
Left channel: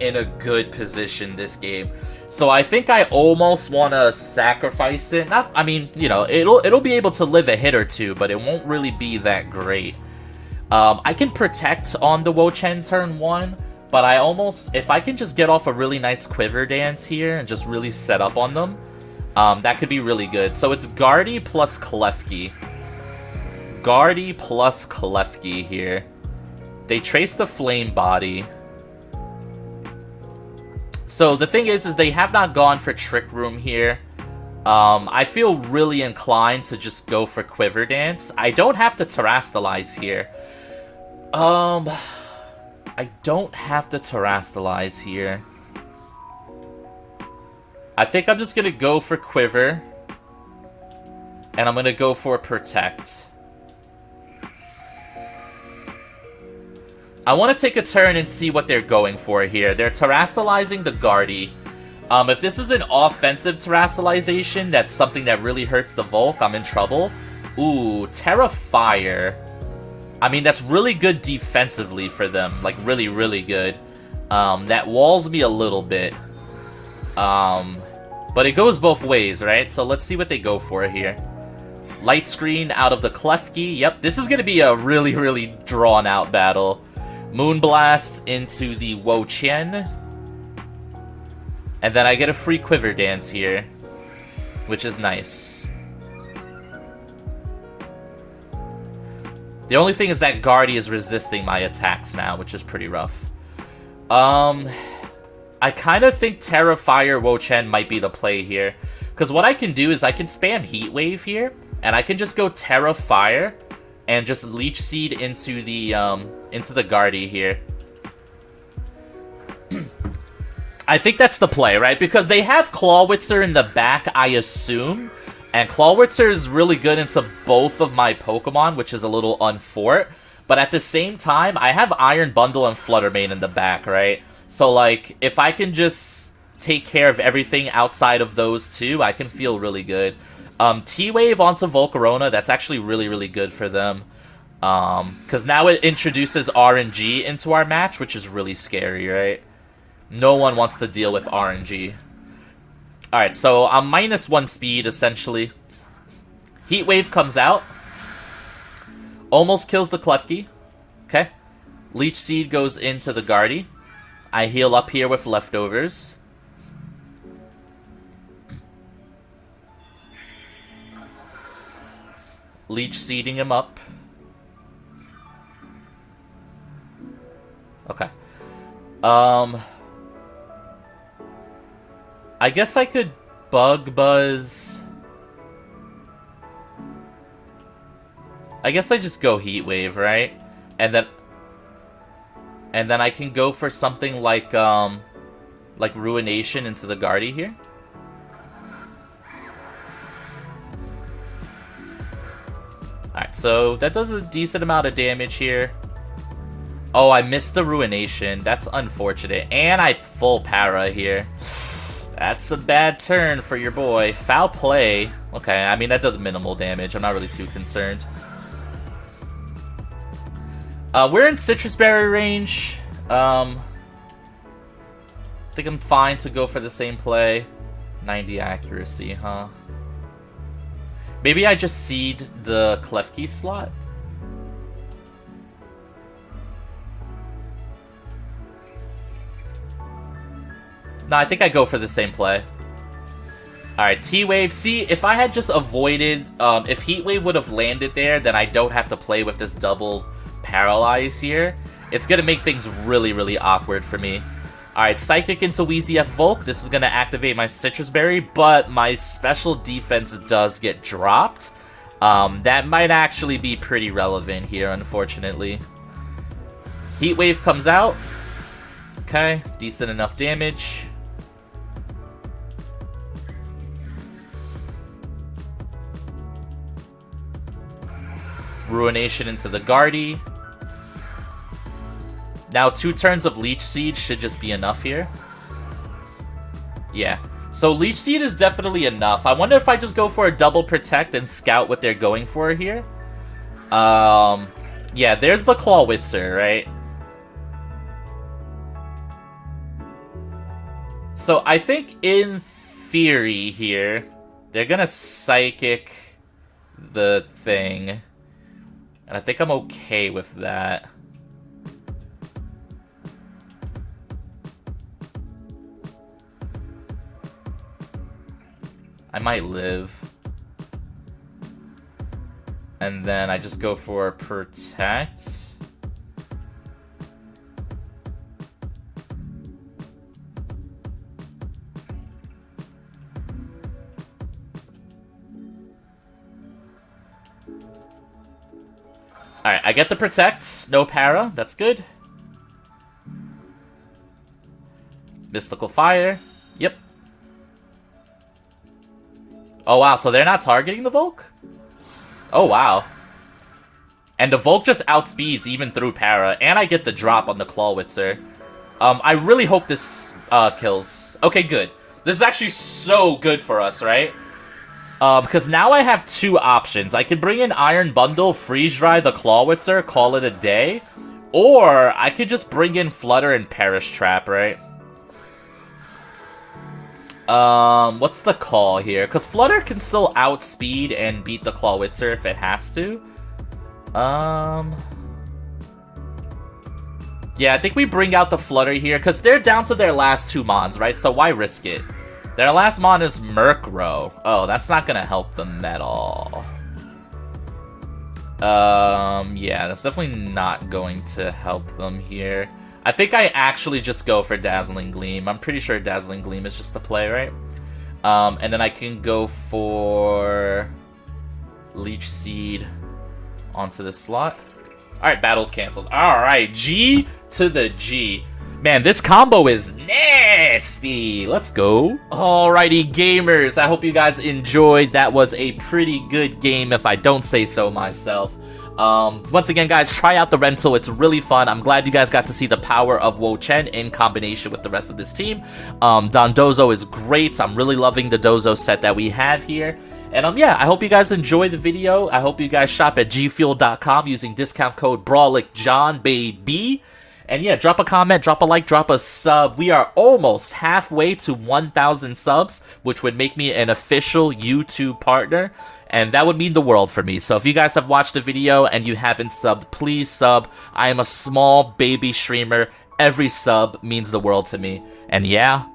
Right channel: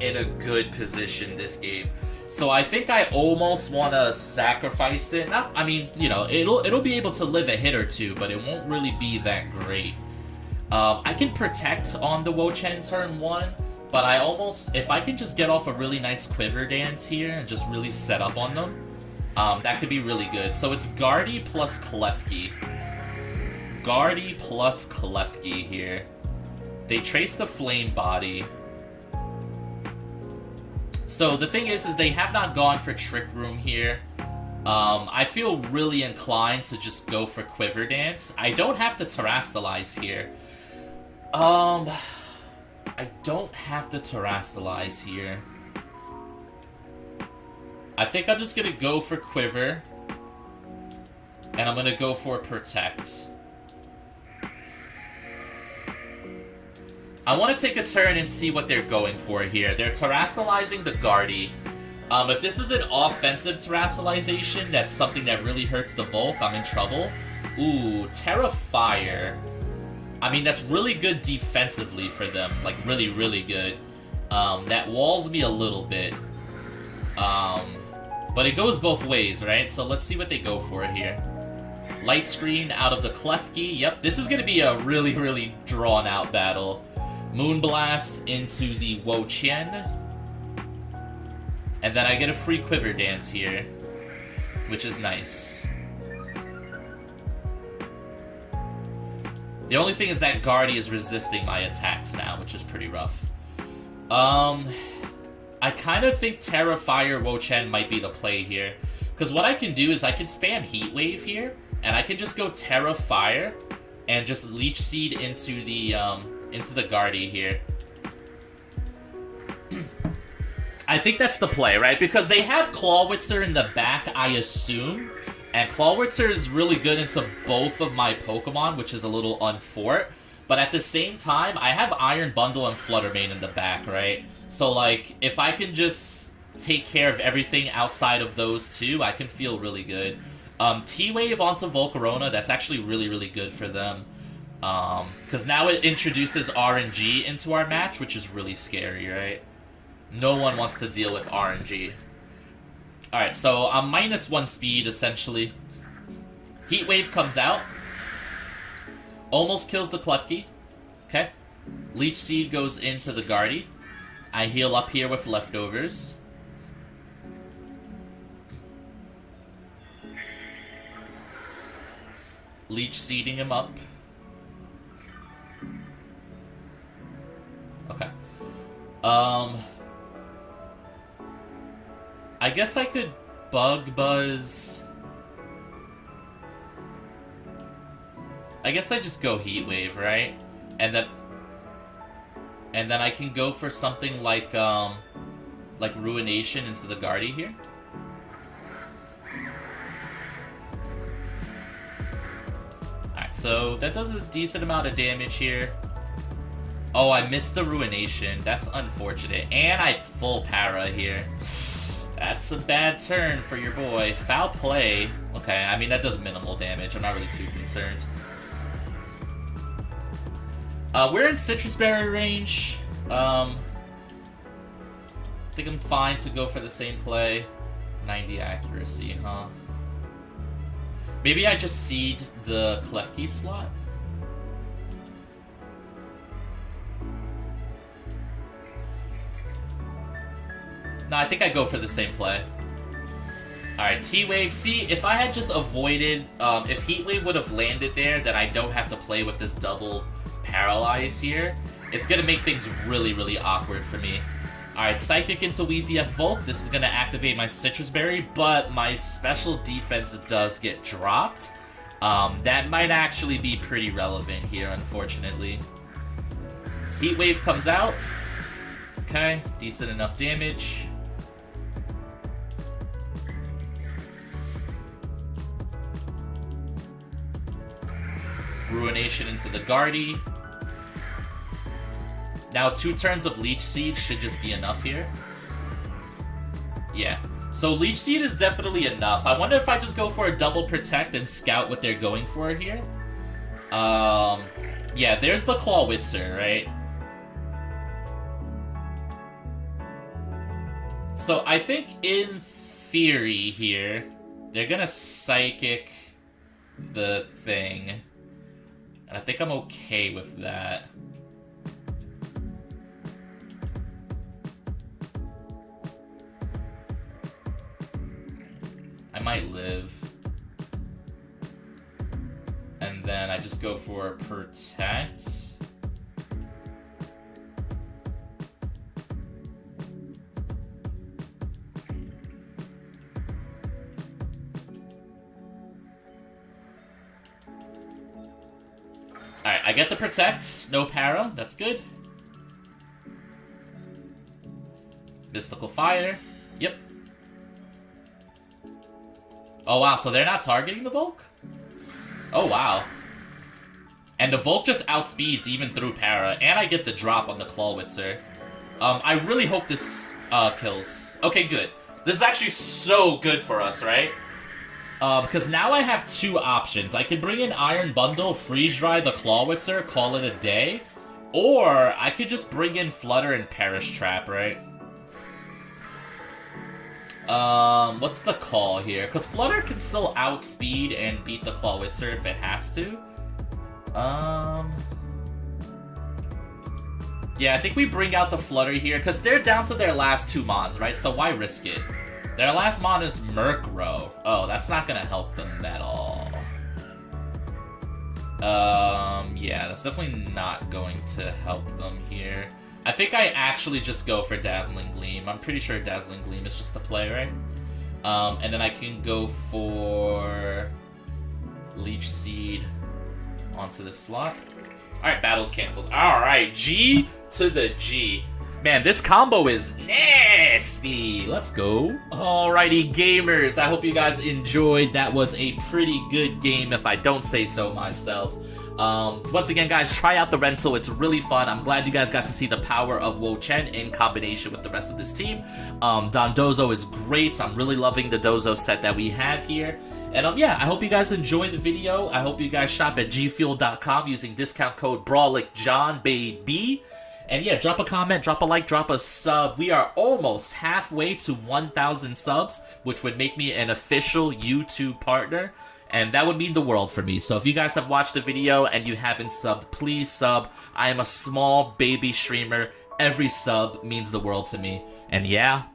in a good position this game. So I think I almost want to sacrifice it. Not, I mean, you know, it'll be able to live a hit or two, but it won't really be that great. I can protect on the WO-CHIEN turn 1, but I almost, if I can just get off a really nice Quiver Dance here and just really set up on them, that could be really good. So it's Guardy plus Klefki. Guardy plus Klefki here. They trace the Flame Body. So the thing is they have not gone for Trick Room here. I feel really inclined to just go for Quiver Dance. I don't have to Terrastalize here. I don't have to Terrastalize here. I think I'm just gonna go for Quiver. And I'm gonna go for Protect. I want to take a turn and see what they're going for here. They're Terrastalizing the Guardy. If this is an offensive Terrastalization, that's something that really hurts the Volk, I'm in trouble. Ooh, Terra Fire. I mean, that's really good defensively for them. Like, really, really good. That walls me a little bit. But it goes both ways, right? So let's see what they go for here. Light Screen out of the Klefki. Yep, this is going to be a really, really drawn-out battle. Moonblast into the WO-CHIEN. And then I get a free Quiver Dance here, which is nice. The only thing is that Guardy is resisting my attacks now, which is pretty rough. I kind of think Terra Fire WO-CHIEN might be the play here. Because what I can do is I can spam Heat Wave here, and I can just go Terra Fire and just Leech Seed into the Guardy here. I think that's the play, right? Because they have Clawitzer in the back, I assume. And Clawitzer is really good into both of my Pokemon, which is a little unfort. But at the same time, I have Iron Bundle and Fluttermane in the back, right? So, like, if I can just take care of everything outside of those two, I can feel really good. T-Wave onto Volcarona, that's actually really, really good for them. Because now it introduces RNG into our match, which is really scary, right? No one wants to deal with RNG. Alright, so I'm -1 speed, essentially. Heat Wave comes out. Almost kills the Klefki. Okay. Leech Seed goes into the Guardy. I heal up here with leftovers. Leech Seeding him up. Okay. I guess I could Bug Buzz. I guess I just go Heat Wave, right? And then I can go for something like Ruination into the Guardy here. Alright, so that does a decent amount of damage here. Oh, I missed the Ruination. That's unfortunate. And I full para here. That's a bad turn for your boy. Foul play. Okay, I mean, that does minimal damage. I'm not really too concerned. We're in Citrus Berry range. I think I'm fine to go for the same play. 90 accuracy, huh? Maybe I just seed the Klefki slot? No, I think I go for the same play. Alright, T-Wave. See, if I had just avoided... if Heat Wave would have landed there, then I don't have to play with this double Paralyze here. It's going to make things really, really awkward for me. Alright, Psychic into Wheezy F Volk. This is going to activate my Citrus Berry, but my special defense does get dropped. That might actually be pretty relevant here, unfortunately. Heat Wave comes out. Okay, decent enough damage. Ruination into the Guardy. Now 2 turns of Leech Seed should just be enough here. Yeah. So Leech Seed is definitely enough. I wonder if I just go for a double protect and scout what they're going for here. Yeah, there's the Clawitzer, right? So I think in theory here, they're gonna Psychic the thing. And I think I'm okay with that. I might live. And then I just go for Protect. Alright, I get the Protect. No para. That's good. Mystical Fire. Yep. Oh, wow. So they're not targeting the Volk? Oh, wow. And the Volk just outspeeds even through para. And I get the drop on the Clawitzer. I really hope this kills. Okay, good. This is actually so good for us, right? Because now I have 2 options. I could bring in Iron Bundle, Freeze Dry the Clawitzer, call it a day. Or I could just bring in Flutter and Perish Trap, right? What's the call here? Because Flutter can still outspeed and beat the Clawitzer if it has to. Yeah, I think we bring out the Flutter here, because they're down to their last 2 mons, right? So why risk it? Their last mon is Murkrow. Oh, that's not gonna help them at all. Yeah, that's definitely not going to help them here. I think I actually just go for Dazzling Gleam. I'm pretty sure Dazzling Gleam is just the play, right? And then I can go for Leech Seed onto this slot. Alright, battle's canceled. Alright, G to the G. Man, this combo is nasty. Let's go. Alrighty, gamers. I hope you guys enjoyed. That was a pretty good game, if I don't say so myself. Once again, guys, try out the rental. It's really fun. I'm glad you guys got to see the power of WO-CHIEN in combination with the rest of this team. Dondozo is great. I'm really loving the Dozo set that we have here. And yeah, I hope you guys enjoyed the video. I hope you guys shop at gfuel.com using discount code BrawlIckJohn, baby. And yeah, drop a comment, drop a like, drop a sub. We are almost halfway to 1,000 subs, which would make me an official YouTube partner. And that would mean the world for me. So if you guys have watched the video and you haven't subbed, please sub. I am a small baby streamer. Every sub means the world to me. And yeah,